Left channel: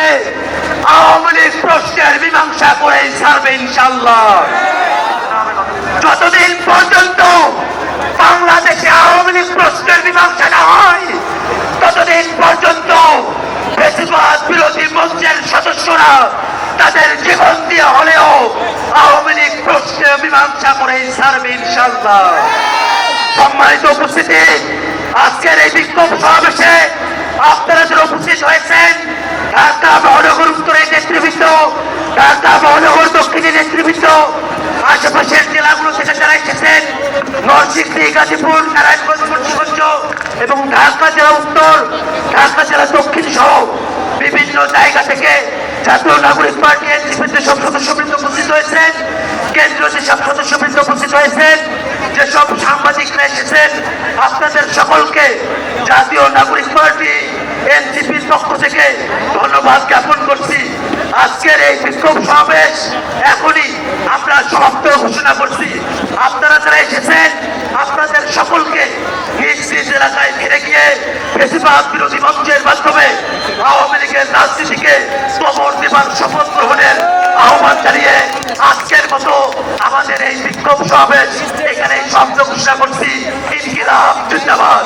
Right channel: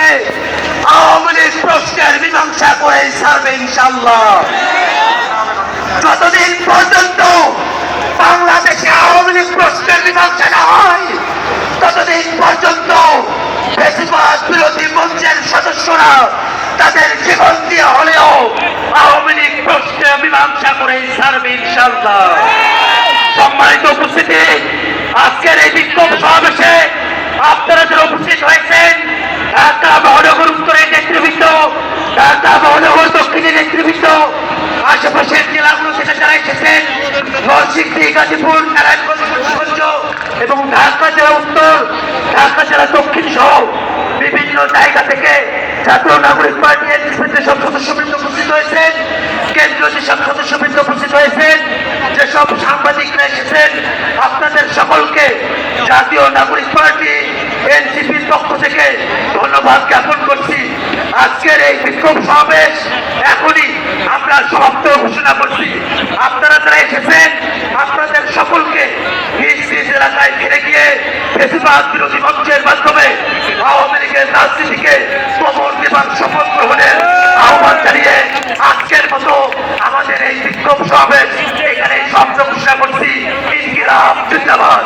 থেকে আওয়ামী লীগ প্রশ্নের মীমাংসা করে ছাড়বে ইনশাআল্লাহ। যতদিন পর্যন্ত বাংলাদেশে আওয়ামী লীগ প্রশ্নের মীমাংসা না হয় ততদিন পর্যন্ত বেশিরভাগ বিরোধী মঞ্চের সদস্যরা তাদের জীবন দিয়ে হলেও আওয়ামী লীগ প্রশ্নের মীমাংসা করে ছাড়বে ইনশাআল্লাহ। সম্মানিত উপস্থিতি, আজকের এই বিক্ষোভ সমাবেশে আপনারা যারা উপস্থিত হয়েছেন, ঢাকা মহানগর উত্তরের নেতৃবৃন্দ, ঢাকা মহানগর দক্ষিণের নেতৃবৃন্দ, আশেপাশের জেলাগুলো থেকে যারা এসেছেন, নরসিংদী, গাজীপুর, নারায়ণগঞ্জ, মুন্সিগঞ্জ এবং ঢাকা জেলা উত্তর, ঢাকা জেলা দক্ষিণ সহ বিভিন্ন জায়গা থেকে জাতীয় নাগরিক পার্টি এনসিপিতে সব সদস্যবৃন্দ উপস্থিত হয়েছেন, কেন্দ্রীয় যেসব সদস্যবৃন্দ উপস্থিত হয়েছেন, যেসব সাংবাদিকরা এসেছেন, আপনাদের সকলকে জাতীয় নাগরিক পার্টি এনসিপির পক্ষ থেকে ধন্যবাদ জ্ঞাপন করছি। আজকের এই বিক্ষোভ সমাবেশ এখনই আমরা সমাপ্ত ঘোষণা করছি। আপনারা যারা এসেছেন আপনাদের সকলকে নিজ নিজ এলাকায় ফিরে গিয়ে বেশিরভাগ বিরোধী মঞ্চের মাধ্যমে আওয়ামী লীগের রাজনীতিকে কবর দেবার শপথ গ্রহণের আহ্বান জানিয়ে আজকের মতো আমাদের এই বিক্ষোভ সমাবেশ এখানে সমাপ্ত ঘোষণা করছি। ইনকিলাব জিন্দাবাদ।